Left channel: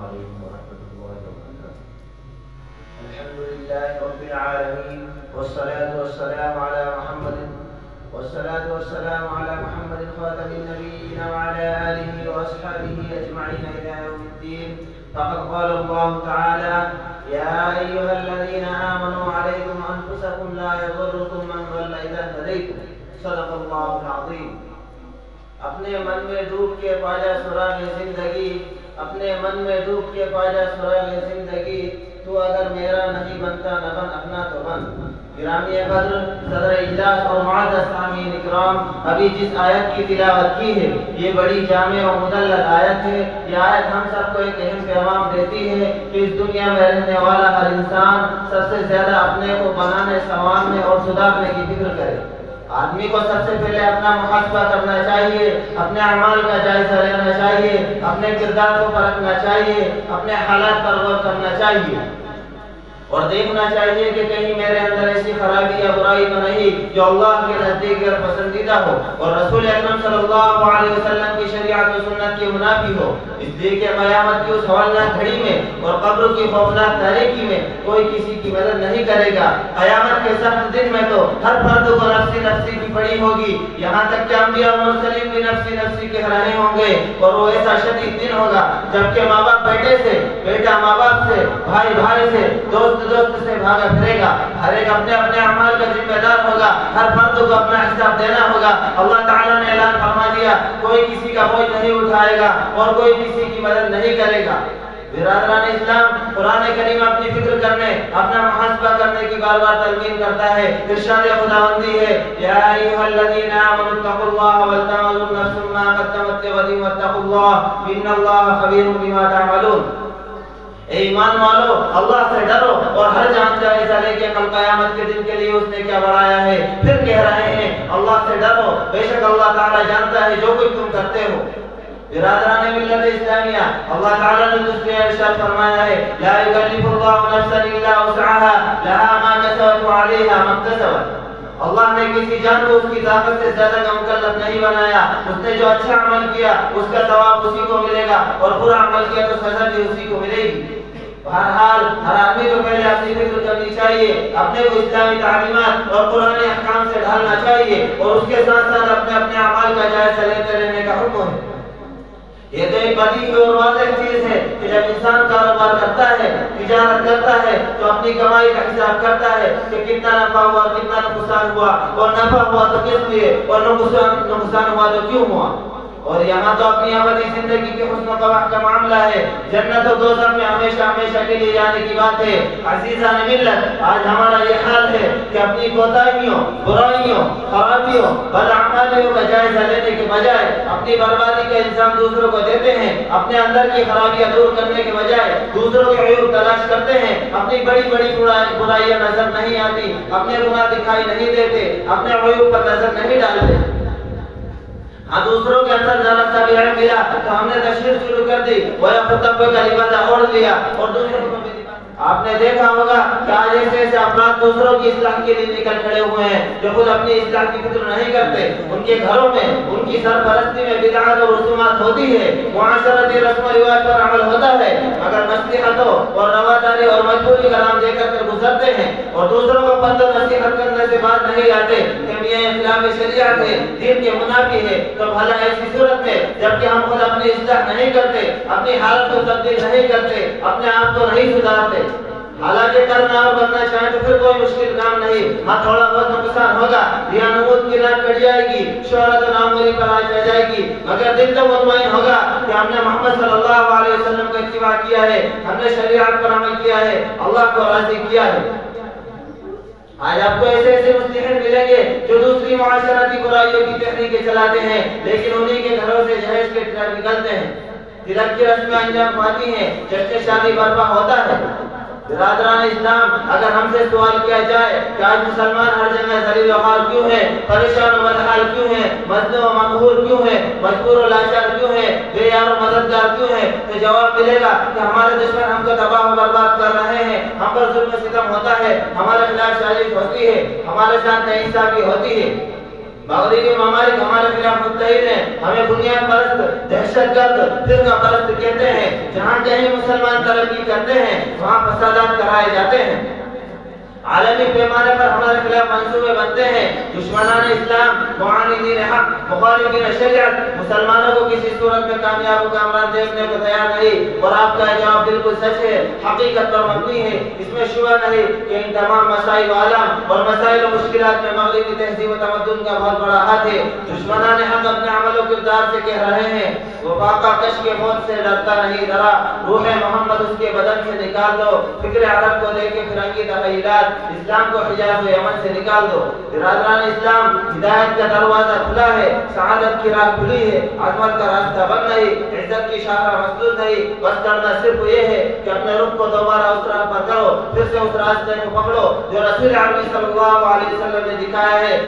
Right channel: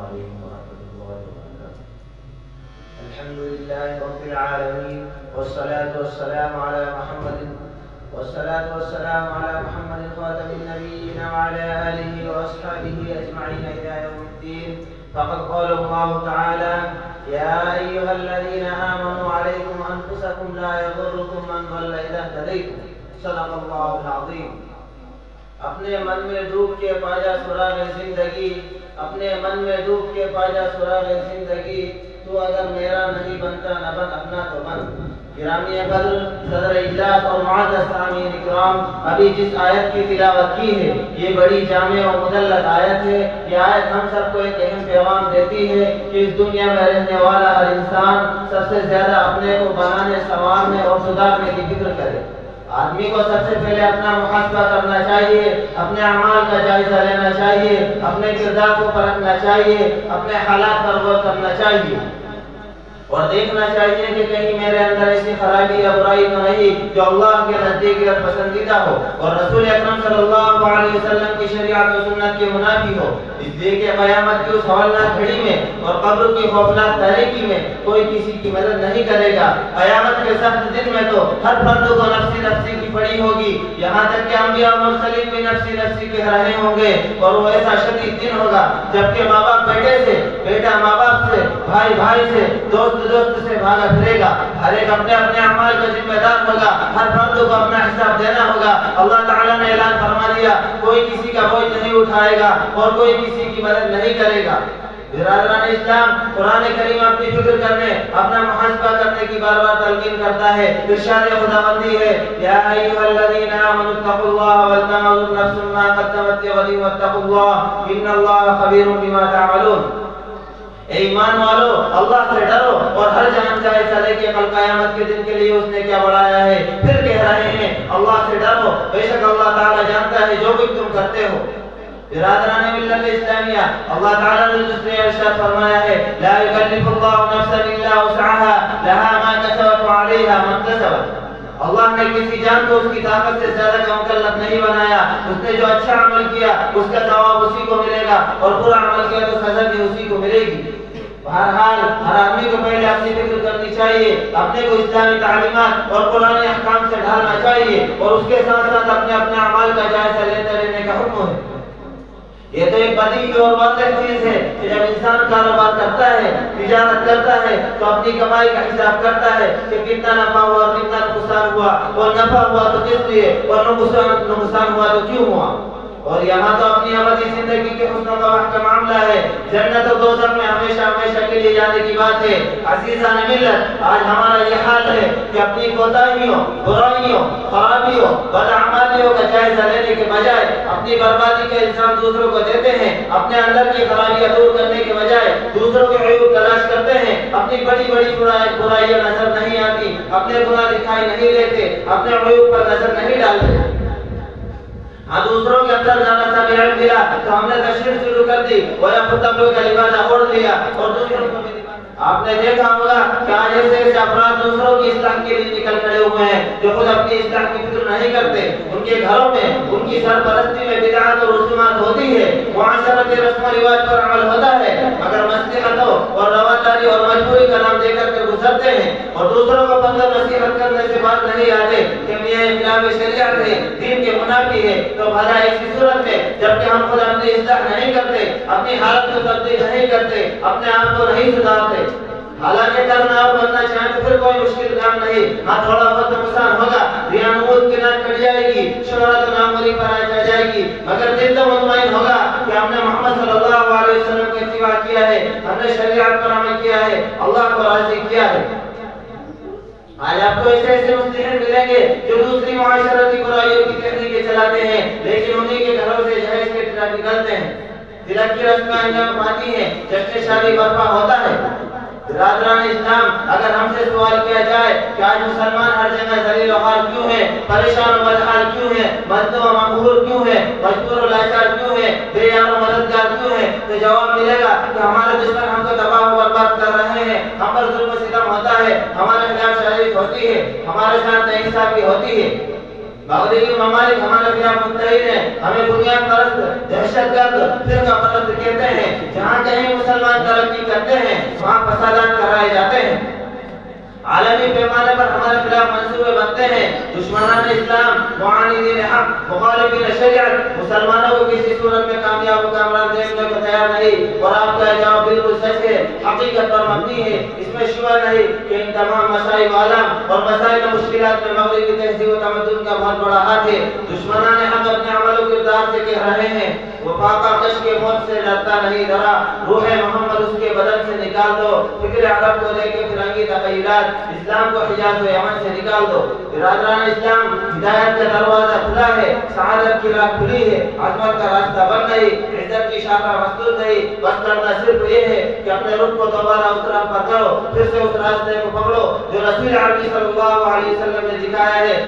عليكم ورحمة الله وبركاته. الحمد لله رب العالمين، والصلاة والسلام على محمد خاتم النبيين وعلى آله وأصحابه أجمعين إلى يوم الدين. فقد قال الله تعالى: يا أيها الذين آمنوا عليكم أنفسكم لا يضركم من ضل إذا اهتديتم. صدق الله العظيم. اپنے من میں ڈوب کے پاجا سراغ زندگی، اپنے من میں ڈوب کے پاجا سراغ زندگی، تو اگر میرا نہیں بنتا نہ بن اپنا تو بن. گرامی قدر صدر اجلاس اور معزز سامعین اکرام، ابھی جس آیت کی تلاوت کی ہے یہ بڑی جامع و مدلل آیت ہے. یہ آیت ہم سب کو ایک اہم پیغام دیتی ہے کہ اس دنیا میں رہنے والا ہر انسان سب سے زیادہ اپنے کو بنانے، سنوارنے اور سدھارنے کی فکر کرے. آدمی کو سب سے پہلے اپنا محاسبہ کرنا چاہیے، اپنے اعمال کا جائزہ لینا چاہیے، اپنے کردار کو پرکھنا چاہیے، اپنے حالات پر غور کرنا چاہیے اور دیکھنا چاہیے کہ کہیں میرے اندر ایسی خرابی یا برائی تو نہیں جو اللہ کے نزدیک غیر پسندیدہ ہو اور رسول اکرم صلی اللہ علیہ وسلم کی شریعت و سنت کے منافی ہو. اس لیے کہ قیامت کی اس ہولناک گھڑی میں اور قبر کی خوفناک تاریکی میں کوئی کسی کی مدد نہیں کرے گا. قیامت کے سخت دن میں تو ہر فرد کو نفسی نفسی کی پڑی ہوگی، یہاں تک کہ انبیاء اور مرسلین بھی نفسی نفسی کے رہے ہوں گے. اور وہ ایسا شدید دن ہوگا جبکہ ماں باپ بیٹے سے، بیٹا ماں باپ سے، بھائی بھائی سے، دوست سے بھاگا پھرے گا. ہر ایک اپنے اپنے اعمال کا ذمہ دار ہوگا، ہر فرد کو اپنا حساب دینا ہوگا. اللہ تعالیٰ نے اعلان فرما دیا کوئی کسی کا بوجھ نہیں اٹھائے گا اور کوئی کسی کی مدد نہیں کرے گا. برادران اسلام، قرآن کریم اپنی فکر کرنے، اپنا محاسبہ کرنے کی بار بار تلقین کرتا ہے. ارشاد خداوندی ہے: یا ایھا الذین آمنوا اتقوا اللہ ولتنظر نفس ما قدمت لغد واتقوا اللہ ان اللہ خبیر بما تعملون. اے ایمان والو، اللہ سے ڈرو اور ہر جان جائزہ لے کے کل قیامت کے دن کے لیے اس نے کیا بڑھایا ہے. پھر کہہ رہے ہیں اللہ سے ڈرو، بے شک اللہ تعالیٰ جانتا ہے جو کچھ تم کرتے ہو. برادران ملت اسلامیہ، اللہ تعالیٰ نے دوسرے ارشاد فرمایا ہے: لا یکلف اللہ نفسا الا وسعها لها ما کسبت وعلیہا ما اکتسبت. اللہ نے کسی جان کو اس کی طاقت سے زیادہ کا مکلف نہیں بنایا. اس نے جو اچھا عمل کیا اس کا ثواب اسی کو ملے گا اور برا عمل کیا تو سزا بھی اسی کو ملے گی. بہرحال ہر آدمی کو پہلے اپنی فکر کرنی چاہیے، اپنے کو اسلامی تعلیمات اور قرآنی احکام سے ڈھالنا چاہیے اور اس کے ساتھ ساتھ اپنے اعمال کا جائزہ لیتے رہنے کا حکم ہے. یہ تو ایک بدیہی اور واضح چیز ہے کہ جب انسان کاروبار کرتا ہے، تجارت کرتا ہے تو اپنی کمائی کا حساب کرتا ہے کہ کتنا نفع ہوا، کتنا نقصان ہوا، اور نفع ہوا تو کس لیے اور نقصان ہوا تو کیوں ہوا. اور یہاں تو اپنی ابدی زندگی کے حسن و قباح کا معاملہ ہے. جنت و دوزخ میں ہمیشہ ہمیشہ کے لیے جانے کی بات ہے. عزیزان ملت، آج ہمارا یہ حال ہے کہ اپنی کوتاہیوں، برائیوں، خرابیوں، بداعمالیوں کا جائزہ لینے کے بجائے اپنی بربادی کا الزام دوسروں کو دیتے ہیں. اپنے اندر کی خرابیاں دور کرنے کے بجائے دوسروں کے عیوب تلاش کرتے ہیں. اپنی بڑی بڑی برائیاں نظر نہیں آتی، اپنے گناہ دکھائی نہیں دیتے، اپنے عیوب پر نظر نہیں ڈالتے. ہاں، دوسروں کے اندر ذرا سا بھی عیب ملا تو ہم نے تشہیر شروع کر دی، وہ خود کا لبادہ اوڑھ لیا اور دوسروں کو بھی. آپ نے دیکھا ہوگا کہ آج ایسے افراد دوسروں کی اصلاح کے لیے نکل کھڑے ہوئے ہیں جو خود اپنی اصلاح کی فکر نہیں کرتے. ان کے گھروں میں ان کی سرپرستی میں بدعات اور رسومات ہوتی ہے، معاشرتی رسم و رواج پر عمل ہوتا ہے، مگر مصلحتوں اور رواداری اور مجبوری کا نام دے کر کے گزرتے ہیں اور دوسروں کو بندہ نصیحت کرنے سے باز نہیں آتے کہ یہ خلاف شریعت ہے، دین کے منافی ہے. تو بھلا ایسی صورت میں جبکہ ہم خود اپنی اصلاح نہیں کرتے، اپنی حالت کو تبدیل نہیں کرتے، اپنے آپ کو نہیں سدھارتے، حالانکہ کرنا اور بننا چاہیں تو پھر کوئی مشکل کام نہیں. ہاں، تھوڑا بہت نقصان ہوگا، ریانوت کی ناک کٹ جائے گی، شہرت ناموری پر آ جائے گی، مگر دل تو مطمئن ہوگا کہ ہم نے محمد صلی اللہ علیہ وسلم کو اتباع کیا ہے، ہم نے شریعت پر عمل کیا ہے، اللہ کو راضی کیا ہے. آج آپ کو ایسے ایسے مسلمین ملیں گے جو دوسری معاشرتی برائیوں کی تحریکیں چلاتے ہیں لیکن انہی کے گھروں سے جہیز کے ٹرک نکلتے ہیں، تلک کی رسمیں انجام پاتی ہیں، جشن شادی برپا ہوتا ہے. برادران اسلام، اگر ہم سے سوال کیا جائے کہ آج مسلمان ہر جگہ ذلیل و خوار کیوں ہیں، پریشان و بدحال کیوں ہیں، مظلوم و مقہور کیوں ہیں، مجبور و لاچار کیوں ہیں، بے یار و مددگار کیوں ہیں، تو جواب ملے گا کہ ہمارے دشمن ہم کو تباہ و برباد کر رہے ہیں، ہم پر ظلم و ستم ہوتا ہے، ہمارے خلاف سازش ہوتی ہے، ہمارے ساتھ ناانصافی ہوتی ہے. مغربی ممالک ہمارے خلاف متحد ہیں، ہمیں بنیاد پرست، دہشت گرد، فرقہ پرست کہتے ہیں۔ جہاں کہیں مسلمان ترقی کرتے ہیں وہاں فسادات کرائے جاتے ہیں، عالمی پیمانے پر ہمارے خلاف منصوبے بنتے ہیں۔ دشمنان اسلام، معاندین حق، مخالفین شریعت مسلمانوں کو کسی صورت میں کامیاب و کامران دیکھنے کو تیار نہیں، اور آپ کا جواب بالکل سچ ہے، حقیقت پر مبنی ہے۔ اس میں شبہ نہیں کہ ان تمام مسائل عالم اور مسائل و مشکلات میں مغربی تہذیب و تمدن کا بہت بڑا ہاتھ ہے۔ دشمنان حق اپنے عمل و کردار سے کہہ رہے ہیں، وہ فاقہ کش کے موت سے ڈرتا نہیں، ڈرا روح محمد اس کے بدن سے نکال دو، فکر عرب کو لے کے فرنگی تخیلات، اسلام کو حجاز و یمن سے نکال دو۔ برادران اسلام، ہدایت کا دروازہ کھلا ہے، سعادت کی راہ کھلی ہے، عظمت کا راستہ بند نہیں، عزت کی شاخہ مستور نہیں۔ بس کرنا صرف یہ ہے کہ اپنے رخ کو دوبارہ اس راہ پر کرو، پھر سے اس راستے کو پکڑو جو رسول عربی صلی اللہ علیہ وسلم نے دکھایا ہے۔